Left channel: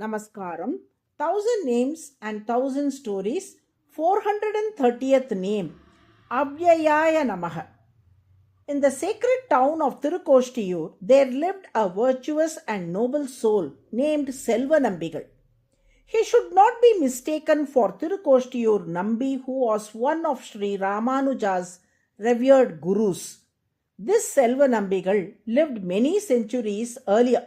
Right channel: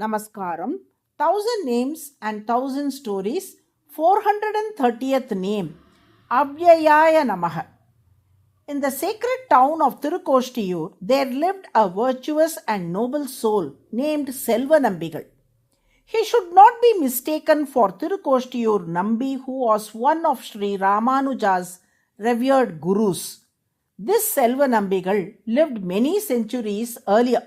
Namaskaram, 1000 Names and 1000 Stories, 430th name, AVYAYAAYA NAMAH. In the sacred town of Tirukoštiyur, there lived a virtuous and noble soul named Selvanambigal. He should not be mistaken for Tirukoštiyur Nambi, who was one of Sri Ramanuja's revered gurus. This Selvanambigal lived many centuries earlier.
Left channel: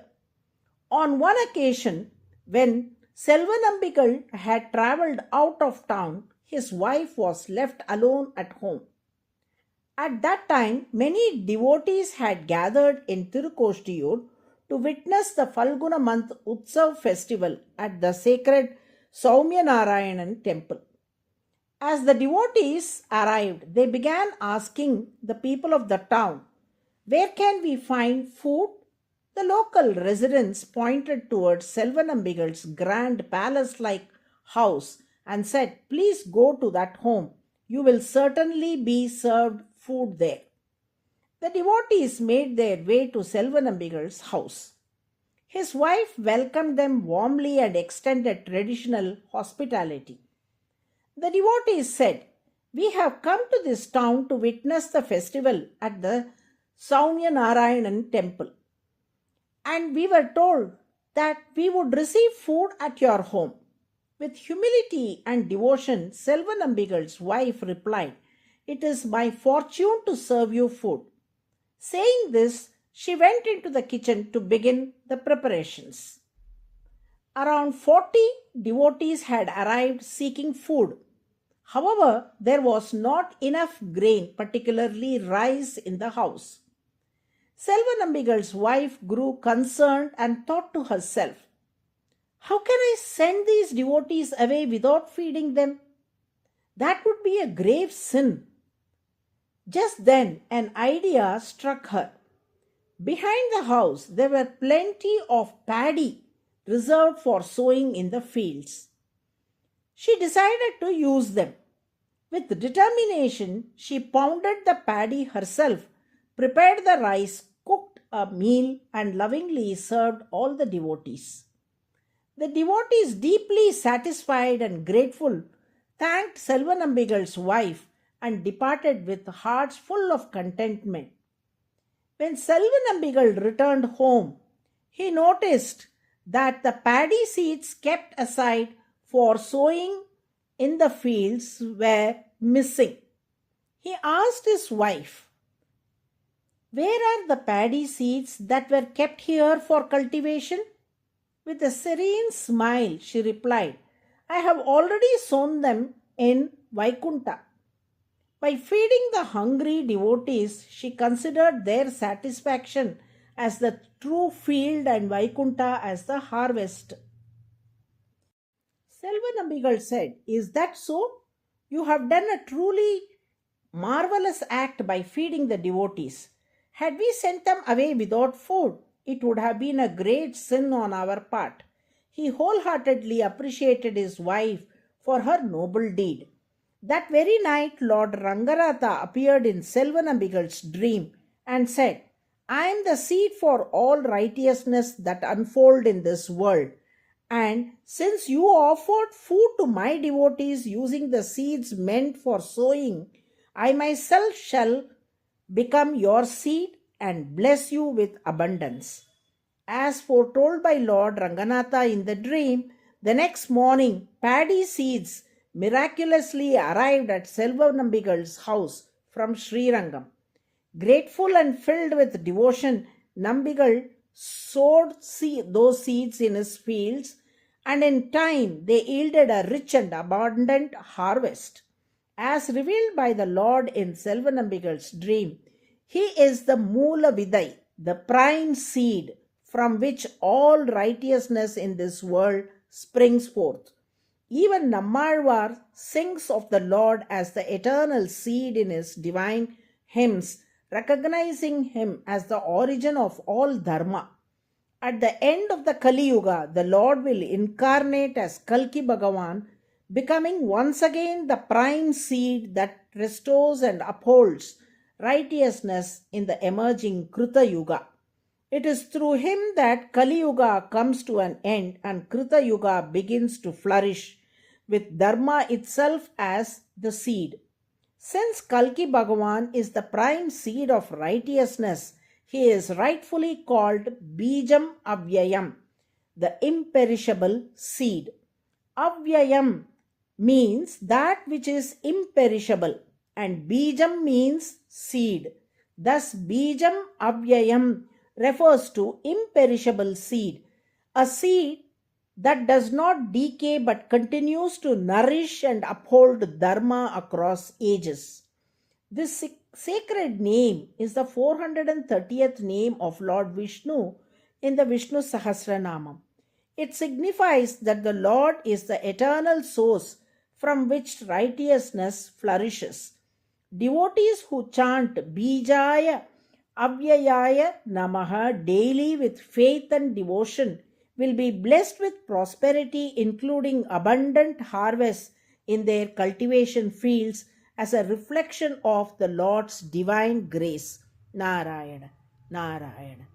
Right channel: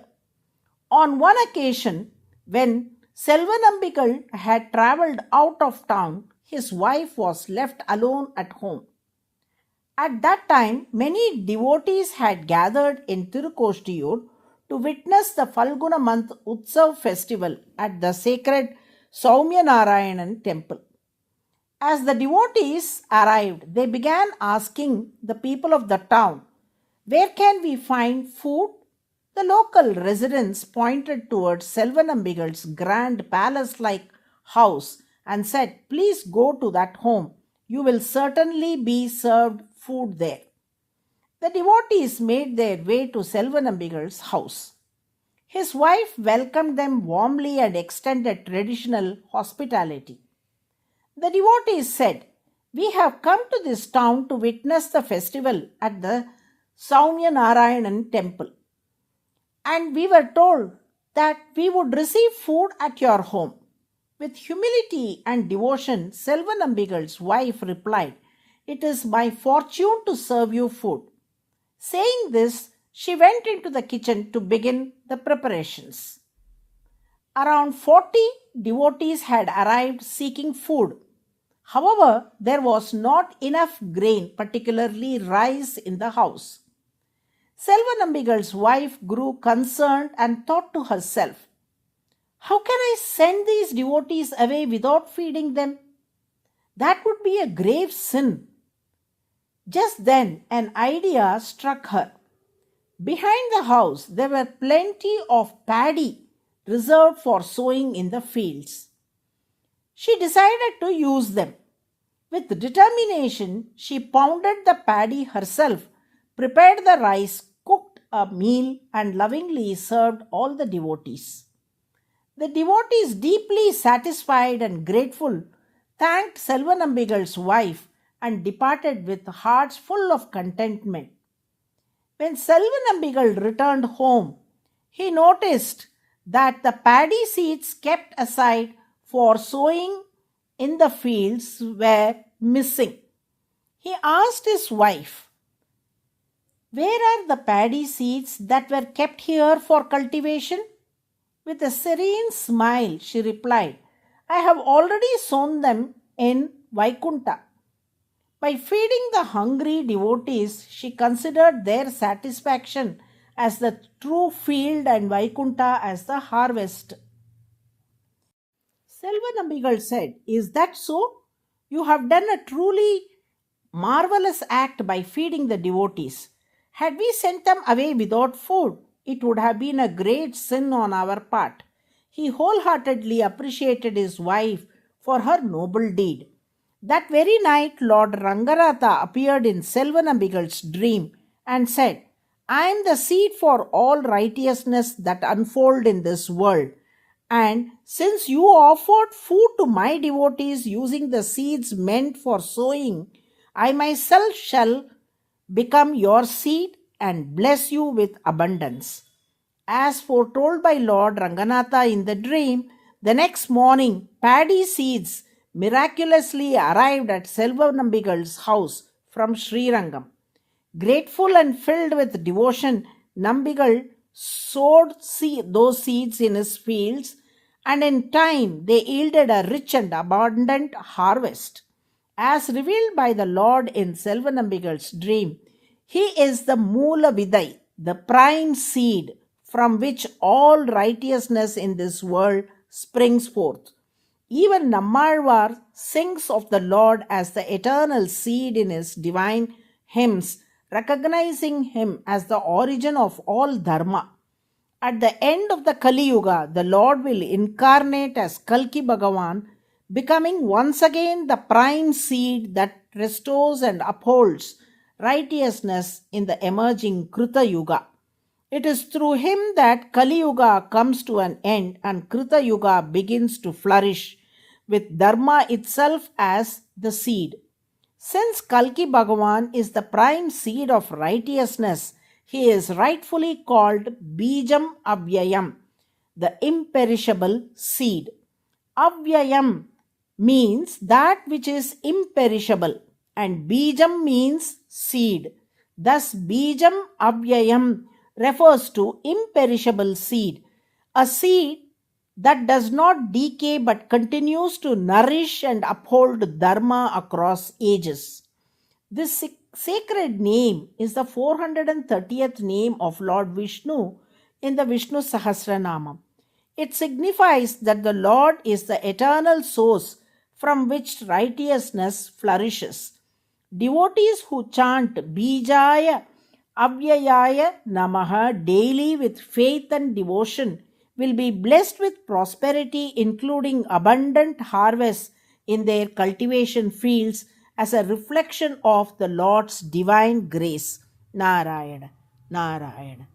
On one occasion, when Selvanambigal had travelled out of town, his wife was left alone at home. At that time, many devotees had gathered in Tirukoštiyur to witness the Falguna month Utsav festival at the sacred Soumyanarayanan temple. As the devotees arrived, they began asking the people of the town, "Where can we find food?" The local residents pointed towards Selvanambigal's grand palace-like house and said, "Please go to that home. You will certainly be served food there." The devotees made their way to Selvanambigal's house. His wife welcomed them warmly and extended traditional hospitality. The devotees said, "We have come to this town to witness the festival at the Soumyanarayanan temple, and we were told that we would receive food at your home." With humility and devotion, Selvanambigal's wife replied, "It is my fortune to serve you food." Saying this, she went into the kitchen to begin the preparations. Around 40 devotees had arrived seeking food. However, there was not enough grain, particularly rice, in the house. Selvanambigal's wife grew concerned and thought to herself, "How can I send these devotees away without feeding them? That would be a grave sin." Just then an idea struck her. Behind the house there were plenty of paddy reserved for sowing in the fields. She decided to use them. With determination, she pounded the paddy herself, prepared the rice, cooked a meal, and lovingly served all the devotees. The devotees, deeply satisfied and grateful, thanked Selvanambigal's wife and departed with hearts full of contentment. When Selvanambigal returned home, he noticed that the paddy seeds kept aside for sowing in the fields were missing. He asked his wife, "Where are the paddy seeds that were kept here for cultivation?" With a serene smile, she replied, "I have already sown them in Vaikunta." By feeding the hungry devotees, she considered their satisfaction as the true field and Vaikunta as the harvest. Selvanambigal said, "Is that so? You have done a truly marvelous act by feeding the devotees. Had we sent them away without food, it would have been a great sin on our part." He wholeheartedly appreciated his wife for her noble deed. That very night, Lord Ranganatha appeared in Selvanambigal's dream and said, "I am the seed for all righteousness that unfold in this world. And since you offered food to my devotees using the seeds meant for sowing, I myself shall become your seed and bless you with abundance." As foretold by Lord Ranganatha in the dream, the next morning paddy seeds miraculously arrived at Selvanambigal's house from Srirangam. Grateful and filled with devotion, Nambigal sowed those seeds in his fields, and in time they yielded a rich and abundant harvest. As revealed by the Lord in Selvanambigal's dream, he is the Moola Vidai, the prime seed from which all righteousness in this world springs forth. Even Nammalvar sings of the Lord as the eternal seed in his divine hymns, recognizing him as the origin of all dharma. At the end of the Kali Yuga, the Lord will incarnate as Kalki Bhagavan, becoming once again the prime seed that restores and upholds righteousness in the emerging Kruta Yuga. It is through him that Kali Yuga comes to an end and Krita Yuga begins to flourish, with Dharma itself as the seed. Since Kalki Bhagavan is the prime seed of righteousness, he is rightfully called Bijam Avyayam, the imperishable seed. Avyayam means that which is imperishable, and Bijam means seed. Thus, Bijam Avyayam refers to imperishable seed, a seed that does not decay but continues to nourish and uphold Dharma across ages. This sacred name is the 430th name of Lord Vishnu in the Vishnu Sahasranamam. It signifies that the Lord is the eternal source from which righteousness flourishes. Devotees who chant BEEJAAYA, AVYAYAAYA NAMAH daily with faith and devotion will be blessed with prosperity, including abundant harvests in their cultivation fields as a reflection of the Lord's divine grace. Narayana, Narayana.